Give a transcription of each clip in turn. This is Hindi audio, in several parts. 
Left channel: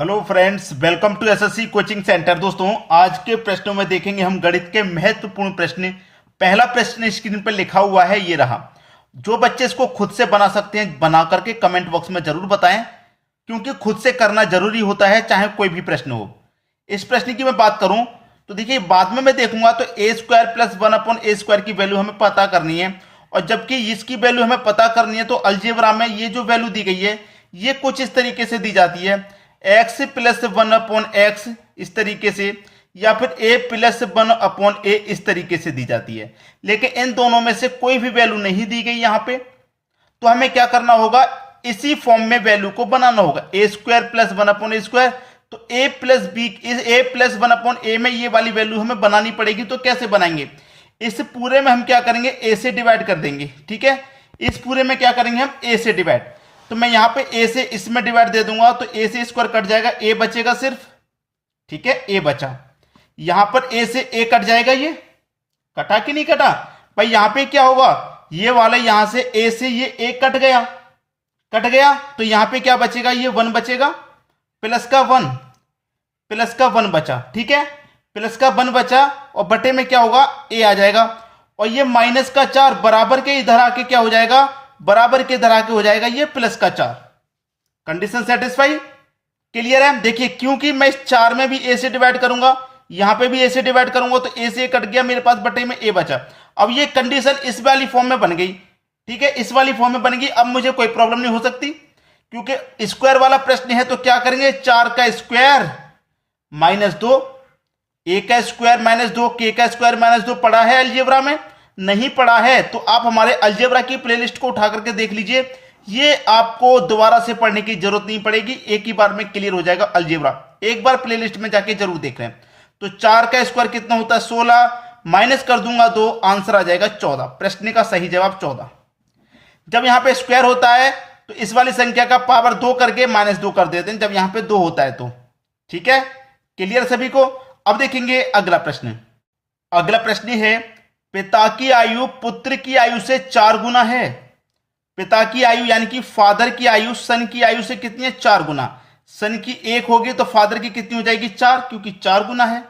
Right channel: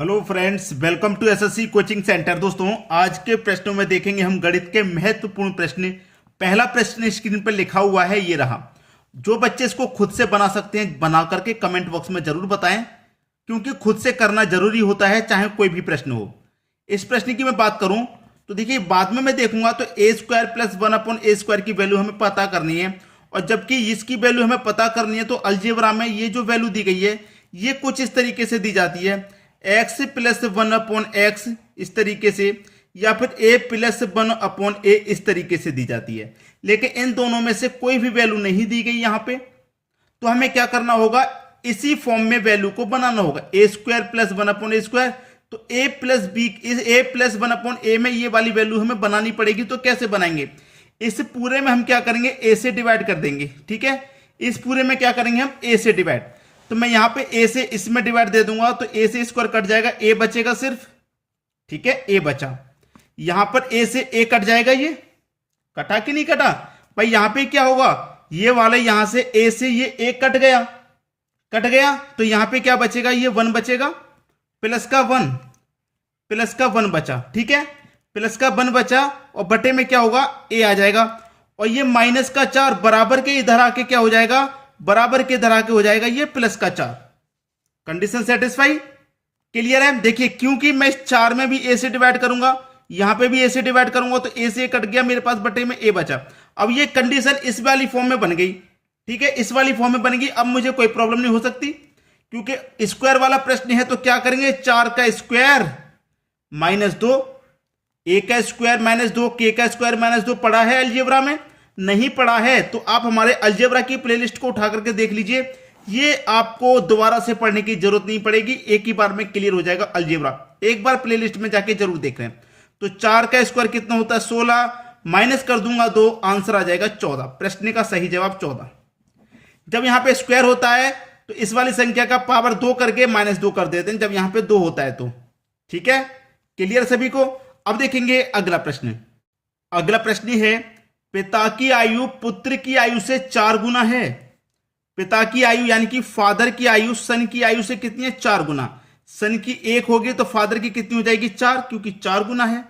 Hello friends, welcome to SSC coaching centre. दोस्तों, आज के प्रश्नों में देखेंगे हम गणित के महत्वपूर्ण प्रश्न। पहला प्रश्न स्क्रीन पर लिखा हुआ है, ये रहा। जो बच्चे इसको खुद से बना सकते हैं, बना करके कमेंट बॉक्स में जरूर बताएं, क्योंकि खुद से करना जरूरी होता है, चाहे कोई भी प्रश्न हो। इस प्रश्न की मैं बात करूं तो देखिए, बाद में मैं देखूंगा तो ए स्क्वायर प्लस वन अपॉन ए स्क्वायर की वैल्यू हमें पता करनी है, और जबकि इसकी वैल्यू हमें पता करनी है तो अलजेब्रा में ये जो वैल्यू दी गई है ये कुछ इस तरीके से दी जाती है, x plus one upon x इस तरीके से, या फिर ए प्लस वन अपॉन ए इस तरीके से दी जाती है। लेकिन इन दोनों में से कोई भी वैल्यू नहीं दी गई यहां पे, तो हमें क्या करना होगा, इसी फॉर्म में वैल्यू को बनाना होगा। ए स्क्वायर प्लस वन अपॉन ए स्क्वायर, तो ए प्लस बी, ए प्लस वन अपॉन ए में ये वाली वैल्यू हमें बनानी पड़ेगी। तो कैसे बनाएंगे, इस पूरे में हम क्या करेंगे, ए से डिवाइड कर देंगे। ठीक है, इस पूरे में क्या करेंगे हम, ए से डिवाइड। तो मैं यहां पे ए से इसमें डिवाइड दे दूंगा, तो ए से स्क्वायर कट जाएगा, ए बचेगा सिर्फ। ठीक है, ए बचा। यहां पर ए से ए कट जाएगा, ये कटा कि नहीं कटा भाई। यहां पे क्या होगा, ये वाला यहां से ए से ये ए कट गया, कट गया, तो यहां पे क्या बचेगा, ये वन बचेगा, प्लस का वन, प्लस का वन बचा। ठीक है, प्लस का वन बचा, और बटे में क्या होगा, ए आ जाएगा, और ये माइनस का चार बराबर के इधर आके क्या हो जाएगा, बराबर के इधर आके हो जाएगा ये प्लस का चार। कंडीशन सेटिस्फाई, क्लियर है। देखिए, क्योंकि मैं इस चार में भी ए से डिवाइड करूंगा, यहां पे भी ए से डिवाइड करूंगा, तो ए से कट गया, मेरे पास बटे में ए बचा। अब ये कंडीशन इस वाली फॉर्म में बन गई। ठीक है, इस वाली फॉर्म में बन गई। अब मुझे कोई प्रॉब्लम नहीं हो सकती, क्योंकि स्क्वायर वाला प्रश्न है। तो क्या करेंगे, चार का स्क्वायर माइनस दो, ए का स्क्वायर माइनस दो, के का स्क्वायर माइनस दो। पढ़ा है अलजेब्रा में? नहीं पढ़ा है तो आप हमारे अलजेब्रा की प्लेलिस्ट को उठा करके देख लीजिए। ये आपको दोबारा से पढ़ने की जरूरत नहीं पड़ेगी, एक ही बार में क्लियर हो जाएगा अलजेब्रा। एक बार प्लेलिस्ट में जाके जरूर देख लें। तो चार का स्क्वायर कितना होता है, 16, माइनस कर दूंगा 2, आंसर आ जाएगा 14। प्रश्न का सही जवाब 14। जब यहां पे स्क्वायर होता है तो इस वाली संख्या का पावर 2 करके माइनस 2 कर देते हैं, जब यहां पे 2 होता है तो। ठीक है, क्लियर सभी को। अब देखेंगे अगला प्रश्न। अगला प्रश्न है, पिता की आयु पुत्र की आयु से 4 गुना है। पिता की आयु यानी कि फादर की आयु सन की आयु से कितनी है, 4 गुना। सन की 1 होगी तो फादर की कितनी हो जाएगी, 4, क्योंकि 4 गुना है।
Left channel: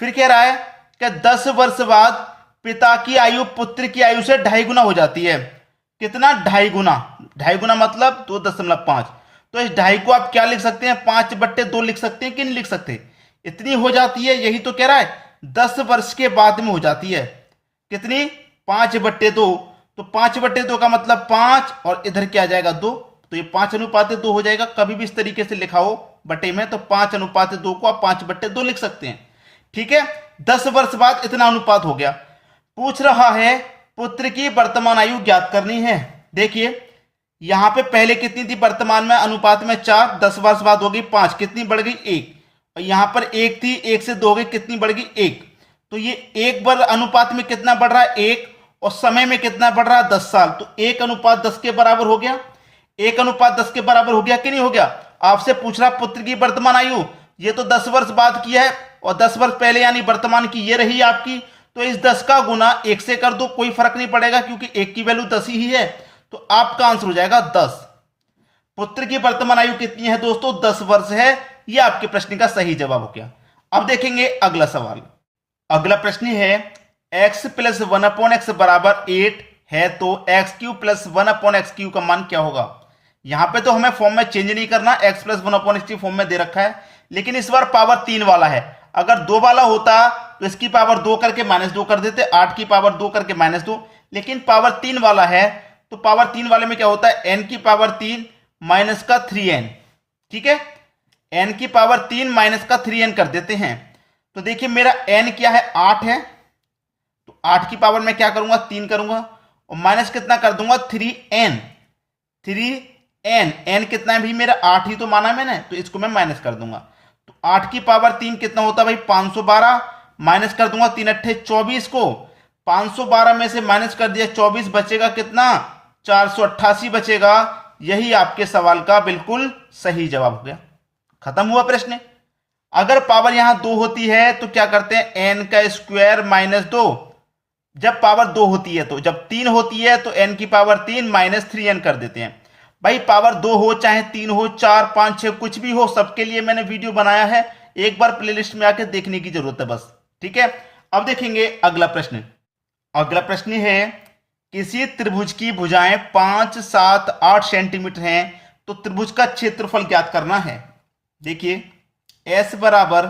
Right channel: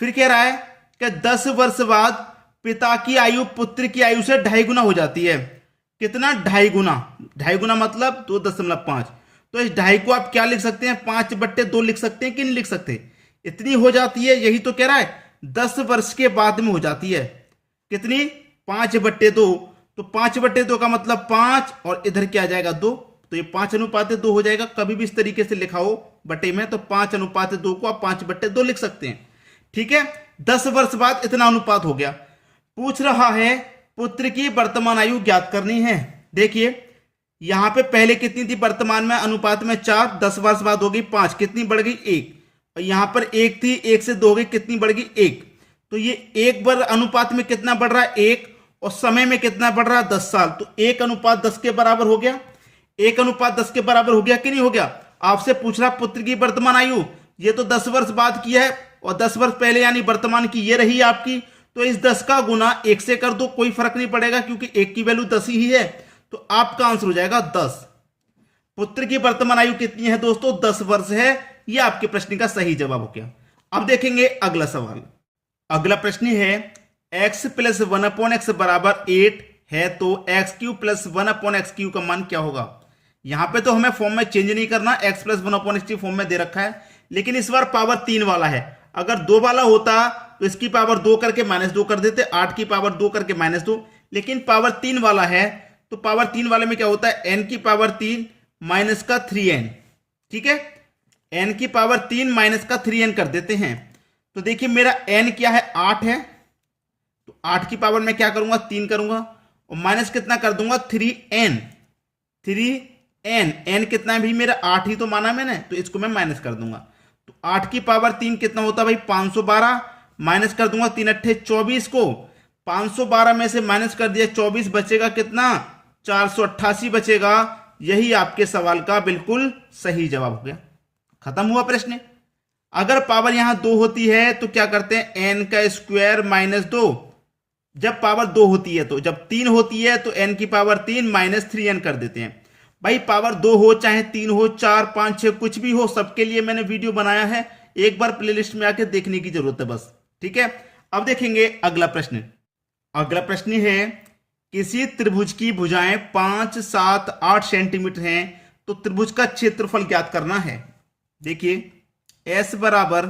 फिर कह रहा है कि 10 वर्ष बाद पिता की आयु पुत्र की आयु से 2.5 गुना हो जाती है। कितना, 2.5 गुना। 2.5 गुना मतलब 2.5। तो इस 2.5 को आप क्या लिख सकते हैं, 5/2 लिख सकते हैं कि नहीं लिख सकते। इतनी हो जाती है, यही तो कह रहा है, 10 वर्ष के बाद में हो जाती है। कितनी, 5/2। तो 5/2 का मतलब 5, और इधर क्या आ जाएगा, 2। तो ये 5:2 हो जाएगा। कभी भी इस तरीके से लिखा हो बटे में तो 5:2 को आप 5/2 लिख सकते हैं। ठीक है, 10 वर्ष बाद इतना अनुपात हो गया। पूछ रहा है पुत्र की वर्तमान आयु ज्ञात करनी है। देखिए, यहां पे पहले कितनी थी, वर्तमान में अनुपात में 4, 10 वर्ष बाद हो गई 5, कितनी बढ़ गई, 1। और यहां पर 1 थी, 1 से 2 हो गई, कितनी बढ़ गई, 1। तो ये 1 बार अनुपात में कितना बढ़ रहा है, 1, और समय में कितना बढ़ रहा है, 10 साल। तो 1:10 के बराबर हो गया। 1:10 के बराबर हो गया कि नहीं हो गया। आपसे पूछ रहा पुत्र की वर्तमान आयु, ये तो 10 वर्ष बाद की है, और 10 वर्ष पहले यानी वर्तमान की ये रही आपकी। तो इस 10 का गुना 1 से कर दो, कोई फर्क नहीं पड़ेगा, क्योंकि 1 की वैल्यू 10 ही है। तो आपका आंसर हो जाएगा 10। पुत्र की वर्तमान आयु कितनी है दोस्तों, 10 वर्ष है। यह आपके प्रश्न का सही जवाब हो गया। अब देखेंगे अगला सवाल। अगला प्रश्न है, x प्लस 1/x बराबर 8 है, तो x³ प्लस 1/x³ का मान क्या होगा। यहां पे तो हमें फॉर्म में चेंज नहीं करना, x प्लस 1/x³ फॉर्म में दे रखा है, लेकिन इस बार पावर 3 वाला है। अगर 2 वाला होता तो इसकी पावर 2 करके -2 कर देते, 8 की पावर 2 करके -2। लेकिन पावर 3 वाला है, तो पावर 3 वाले में क्या होता है, n की पावर 3 माइनस का 3n। ठीक है, n की पावर 3 माइनस का 3n कर देते हैं। तो देखिए, मेरा n क्या है, 8 है, तो 8 की पावर में क्या करूंगा, 3 करूंगा, और माइनस कितना कर दूंगा, 3n। 3n, n कितना है भाई मेरा, 8 ही तो माना मैंने, तो इसको मैं माइनस कर दूंगा। तो 8 की पावर 3 कितना होता है भाई, 512, माइनस कर दूंगा 3 8 24 को। 512 में से माइनस कर दिया 24, बचेगा कितना, 488 बचेगा। यही आपके सवाल का बिल्कुल सही जवाब हो गया। खत्म हुआ प्रश्न। अगर पावर यहां 2 होती है तो क्या करते हैं, n का स्क्वायर -2। जब पावर 2 होती है, तो जब 3 होती है तो n की पावर 3 -3n कर देते हैं। भाई पावर 2 हो चाहे 3 हो 4 5 6 कुछ भी हो, सबके लिए मैंने वीडियो बनाया है, एक बार प्लेलिस्ट में आके देखने की जरूरत है बस। ठीक है, अब देखेंगे अगला प्रश्न। अगला प्रश्न है किसी त्रिभुज की भुजाएं 5 7 8 सेंटीमीटर हैं तो त्रिभुज का क्षेत्रफल ज्ञात करना है। देखिए एस बराबर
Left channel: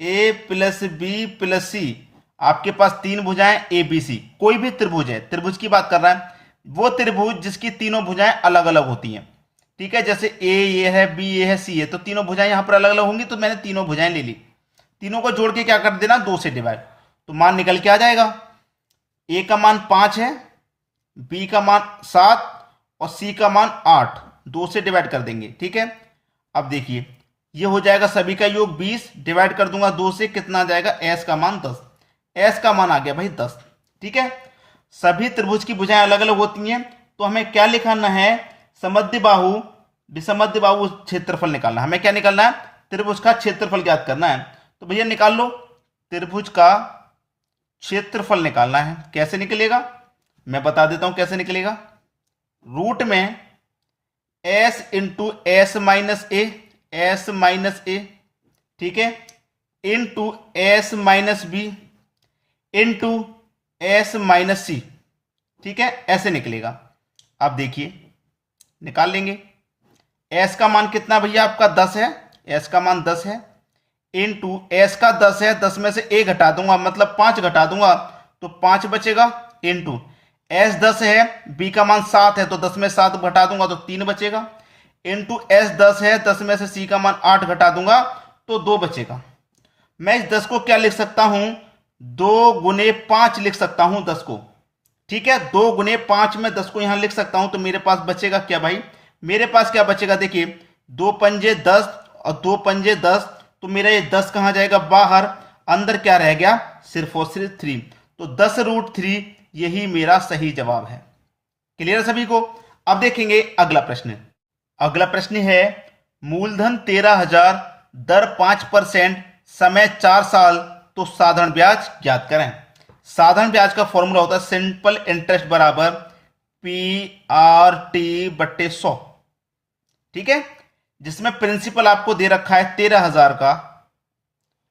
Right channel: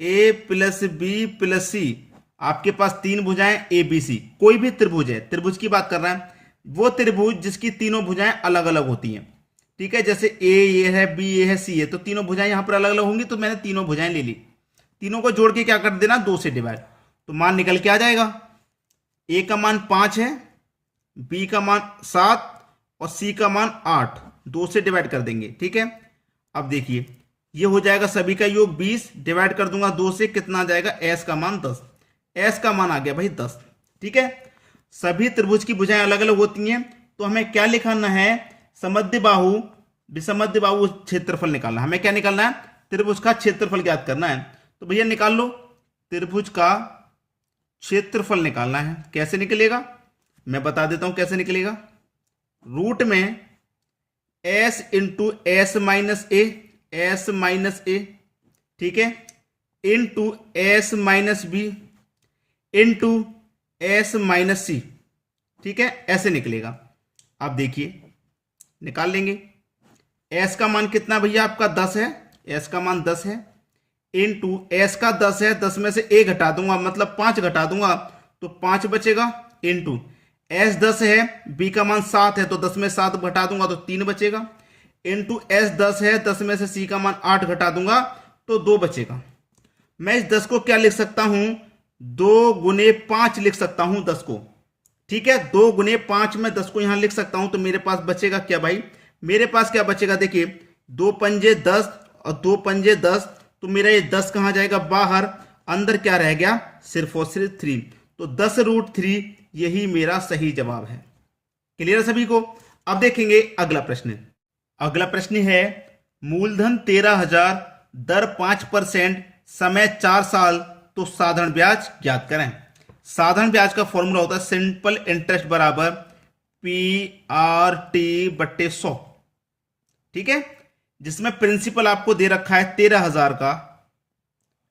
ए प्लस बी प्लस सी, आपके पास तीन भुजाएं ए बी सी, कोई भी त्रिभुज है, त्रिभुज की बात कर रहा है, वो त्रिभुज जिसकी तीनों भुजाएं अलग अलग होती हैं। ठीक है, जैसे ए ये है, बी ये है, सी है, तो तीनों भुजाएं यहां पर अलग अलग होंगी, तो मैंने तीनों भुजाएं ले ली, तीनों को जोड़ के क्या कर देना 2 से डिवाइड, तो मान निकल के आ जाएगा। ए का मान 5 है, बी का मान 7 और सी का मान 8, 2 से डिवाइड कर देंगे। ठीक है, अब देखिए ये हो जाएगा सभी का योग 20, डिवाइड कर दूंगा 2 से, कितना आ जाएगा एस का मान 10, एस का मान आ गया भाई 10। ठीक है, सभी त्रिभुज की भुजाएं अलग अलग होती हैं, तो हमें क्या लिखना है, समद्विबाहु विसमद्विबाहु क्षेत्रफल निकालना है। हमें क्या निकालना है, त्रिभुज का क्षेत्रफल ज्ञात करना है। तो भैया निकाल लो, त्रिभुज का क्षेत्रफल निकालना है। कैसे निकलेगा मैं बता देता हूं कैसे निकलेगा। रूट में s into s minus a, s minus a, ठीक है, into s minus b into s minus c. ठीक है, ऐसे निकलेगा। अब देखिए निकाल लेंगे, एस का मान कितना भैया आपका 10 है, एस का मान 10 है, इंटू एस का 10 है, 10 में से ए घटा दूंगा मतलब 5 घटा दूंगा तो 5 बचेगा, इंटू एस 10 है, बी का मान 7 है तो 10 में 7 घटा दूंगा तो 3 बचेगा, इंटू एस 10 है, 10 में से सी का मान 8 घटा दूंगा तो 2 बचेगा। मैं इस 10 को क्या लिख सकता हूं, 2 गुने 5 लिख सकता हूं 10 को। ठीक है, 2 गुने 5 में 10 को यहां लिख सकता हूं, तो मेरे पास बचेगा क्या भाई, मेरे पास क्या बचेगा, देखिए 2 पंजे 10 और 2 पंजे 10, तो मेरा ये 10 कहां जाएगा बाहर, अंदर क्या रह गया सिर्फ और सिर्फ 3, तो 10√3 यही मेरा सही जवाब है। क्लियर है सभी को। अब देखेंगे अगला प्रश्न। अगला प्रश्न है मूलधन 13,000, दर 5%, समय 4 साल, तो साधारण ब्याज ज्ञात करें। साधारण ब्याज का फॉर्मूला होता है सिंपल इंटरेस्ट बराबर PRT/100। ठीक है, जिसमें प्रिंसिपल आपको दे रखा है 13,000 का,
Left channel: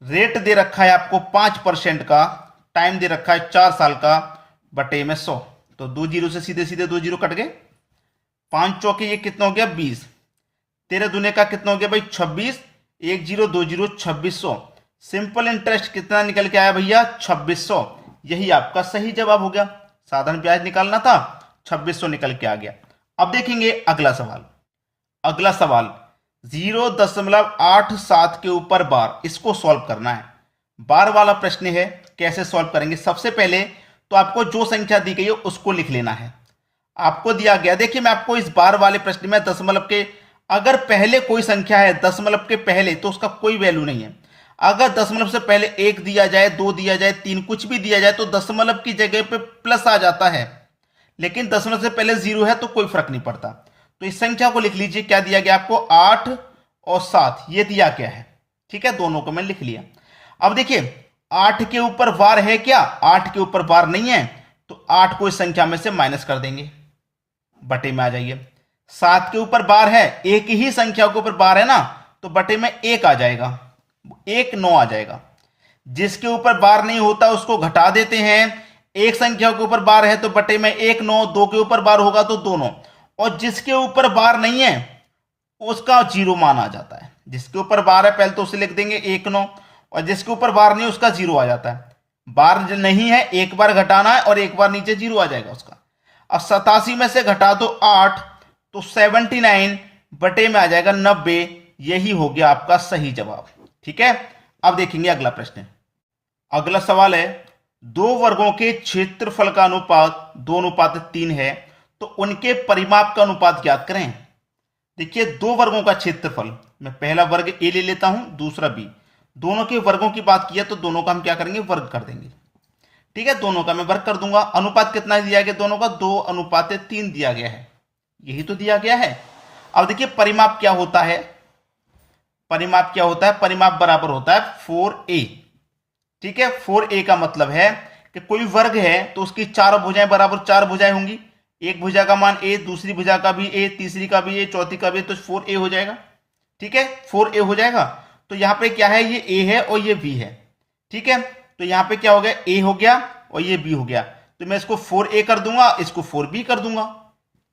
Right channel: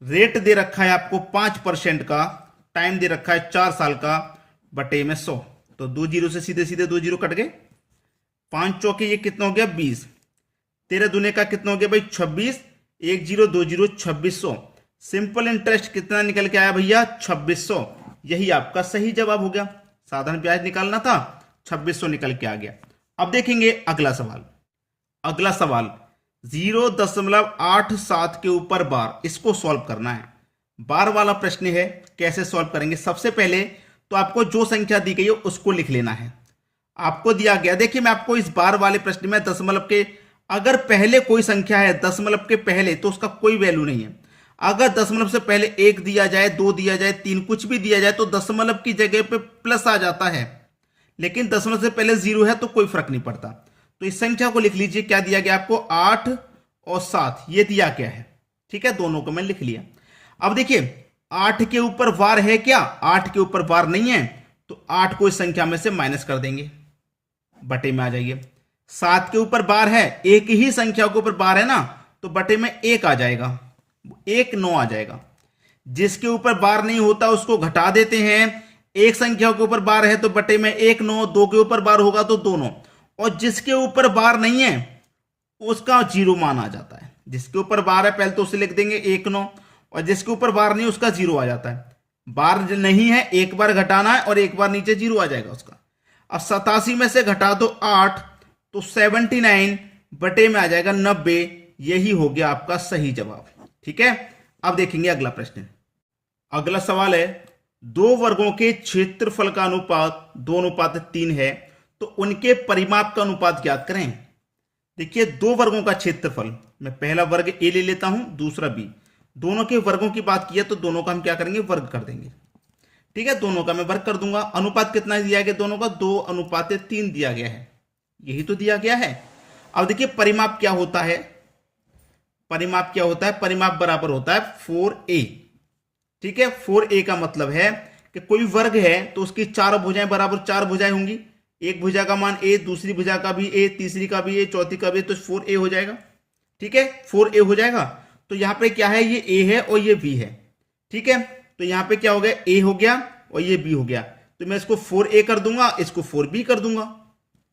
रेट दे रखा है आपको 5% का, टाइम दे रखा है 4 साल का, बटे में 100, तो 2 जीरो से सीधे सीधे 2 जीरो कट गए, 5 चौके ये कितना हो गया 20, 13 दूने का कितना हो गया भाई 26, 1 जीरो 2 जीरो 2600। सिंपल इंटरेस्ट कितना निकल के आया भैया 2600, यही आपका सही जवाब हो गया। साधारण ब्याज निकालना था, 2600 निकल के आ गया। अब देखेंगे अगला सवाल। अगला सवाल 0.87 के ऊपर बार, इसको सॉल्व करना है। बार वाला प्रश्न है, कैसे सॉल्व करेंगे, सबसे पहले तो आपको जो संख्या दी गई है उसको लिख लेना है। आपको दिया गया, देखिए मैं आपको इस बार वाले प्रश्न में दशमलव के, अगर पहले कोई संख्या है दशमलव के पहले तो उसका कोई वैल्यू नहीं है। अगर दशमलव से पहले 1 दिया जाए, 2 दिया जाए, 3 कुछ भी दिया जाए तो दशमलव की जगह पे प्लस आ जाता है, लेकिन दशमलव से पहले 0 है तो कोई फर्क नहीं पड़ता। तो इस संख्या को लिख लीजिए, क्या दिया गया आपको 8 और 7 ये दिया गया है। ठीक है, दोनों को मैं लिख लिया। अब देखिए 8 के ऊपर बार है क्या, 8 के ऊपर बार नहीं है, तो 8 को इस संख्या में से माइनस कर देंगे, बटे में आ जाइए। 7 के ऊपर बार है, एक ही संख्या के ऊपर बार है ना, तो बटे में 1 आ जाएगा, 1 9 आ जाएगा। जिसके ऊपर बार नहीं होता उसको घटा देते हैं, एक संख्या के ऊपर बार है तो बटे में 1 9, 2 के ऊपर बार होगा तो 2 9, और जिसके ऊपर बार नहीं है उसका 0 मान आ जाता है। जिसके ऊपर बार है पहले तो उसे लिख देंगे 1 9, और जिसके ऊपर बार नहीं उसका 0 आ जाता है। बार नहीं है, एक बार घटाना है और एक बार नीचे 0 आ जाएगा उसका। अब 87 में से घटा दो 8, तो 79 बटे में आ जाएगा 90, यही हो गया आपका सही जवाब। ठीक है, अब देखेंगे अगला प्रश्न। अगला सवाल है 2 वर्गों के क्षेत्रफल का अनुपात 2:3 है, तो उनके परिमाप का अनुपात ज्ञात करें। देखिए 2 वर्गों का क्षेत्रफल, मैं पहला वर्ग ए ले लेता हूं, दूसरा बी, दोनों के वर्गों की बात की है तो दोनों का हम क्या करेंगे वर्ग कर देंगे। ठीक है, दोनों का मैं वर्ग कर दूंगा। अनुपात कितना दिया गया दोनों का, 2:3 दिया गया है, यही तो दिया गया है। अब देखिए परिमाप क्या होता है, परिमाप क्या होता है, परिमाप बराबर होता है 4a। ठीक है, 4a का मतलब है कि कोई वर्ग है तो उसकी 4 भुजाएं बराबर 4 भुजाएं होंगी, एक भुजा का मान ए, दूसरी भुजा का भी ए, तीसरी का भी ए, चौथी का भी ए, तो 4a हो जाएगा। ठीक है, 4a हो जाएगा। तो यहाँ पे क्या है, ये a है और ये b है। ठीक है, तो यहाँ पे क्या हो गया, a हो गया और ये b हो गया। तो मैं इसको 4a कर दूंगा, इसको 4b कर दूंगा।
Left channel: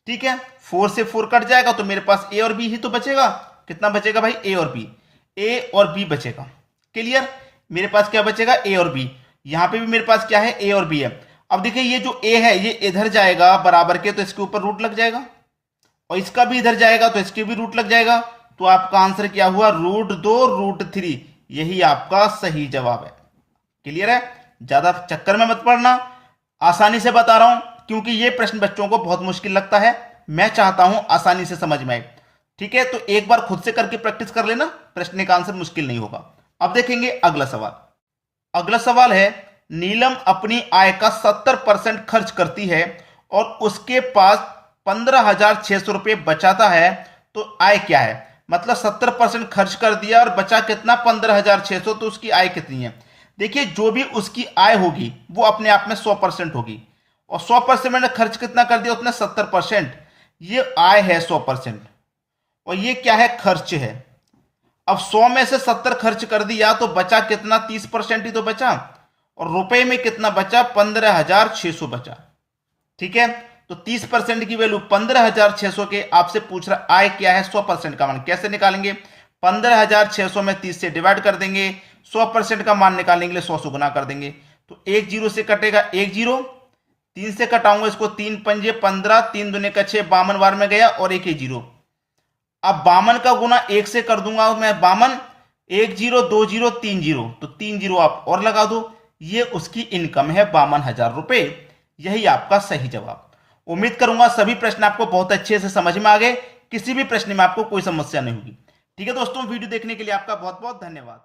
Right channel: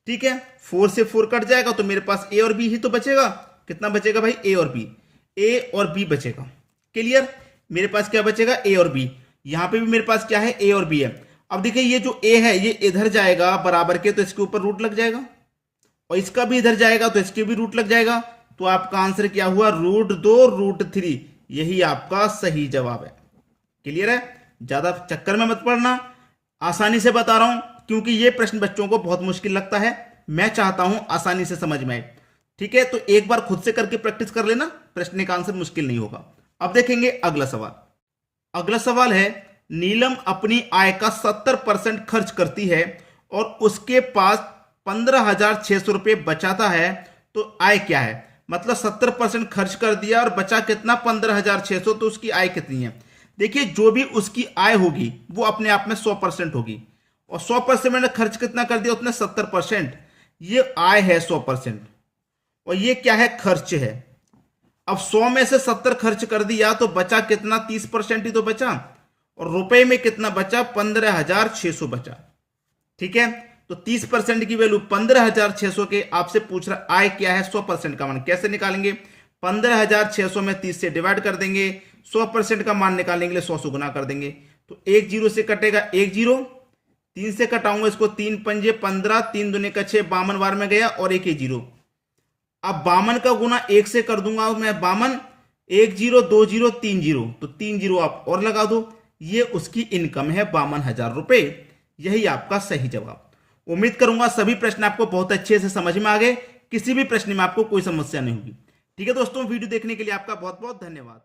ठीक है, 4 से 4 कट जाएगा तो मेरे पास a और b ही तो बचेगा। कितना बचेगा भाई, a और b, a और b बचेगा। क्लियर, मेरे पास क्या बचेगा, a और b। यहां पे भी मेरे पास क्या है, a और b है। अब देखिए ये जो a है ये इधर जाएगा बराबर के, तो इसके ऊपर रूट लग जाएगा, और इसका भी इधर जाएगा तो इसके भी रूट लग जाएगा। तो आपका आंसर क्या हुआ, √2√3। यही आपका सही जवाब है। क्लियर है, ज्यादा चक्कर में मत पड़ना, आसानी से बता रहा हूं, क्योंकि ये प्रश्न बच्चों को बहुत मुश्किल लगता है। मैं चाहता हूं आसानी से समझ में आए। ठीक है, तो एक बार खुद से करके प्रैक्टिस कर लेना, प्रश्न का आंसर मुश्किल नहीं होगा। अब देखेंगे अगला सवाल। अगला सवाल है, नीलम अपनी आय का 70% खर्च करती है और उसके पास 15,600 रुपये बचाता है, तो आय क्या है। मतलब 70% खर्च कर दिया और बचा कितना, 15,600, तो उसकी आय कितनी है। देखिए जो भी उसकी आय होगी वो अपने आप में 100% होगी, और 100% मैंने खर्च कितना कर दिया उसने, 70%। ये आय है 100%, और ये क्या है, खर्च है। अब 100 में से 70 खर्च कर दिया तो बचा कितना, 30% ही तो बचा, और रुपए में कितना बचा, 15,600 बचा। ठीक है, तो 30% की वैल्यू 15,600 के आपसे पूछ रहा आय क्या है, 100% का मान कैसे निकालेंगे। 15,600 में 30 से डिवाइड कर देंगे, 100% का मान निकालने के लिए 100 से गुना कर देंगे। तो 1 0 से कटेगा 1 0, 3 से कटाऊंगा इसको, 3 पंजे 15, 3 दूने का 6, 52 बार में गया और 1 0। अब 52 का गुना 1 से कर दूंगा मैं, 52, 1 0 2 0 3 0, तो 3 0 आप और लगा दो। ये उसकी इनकम है 52,000 रुपए। यही आपका सही जवाब। उम्मीद करूंगा सभी प्रश्न आपको बहुत अच्छे से समझ में आ गए, किसी भी प्रश्न में आपको कोई समस्या नहीं होगी। ठीक है दोस्तों, वीडियो देखने के लिए आपका बहुत बहुत धन्यवाद।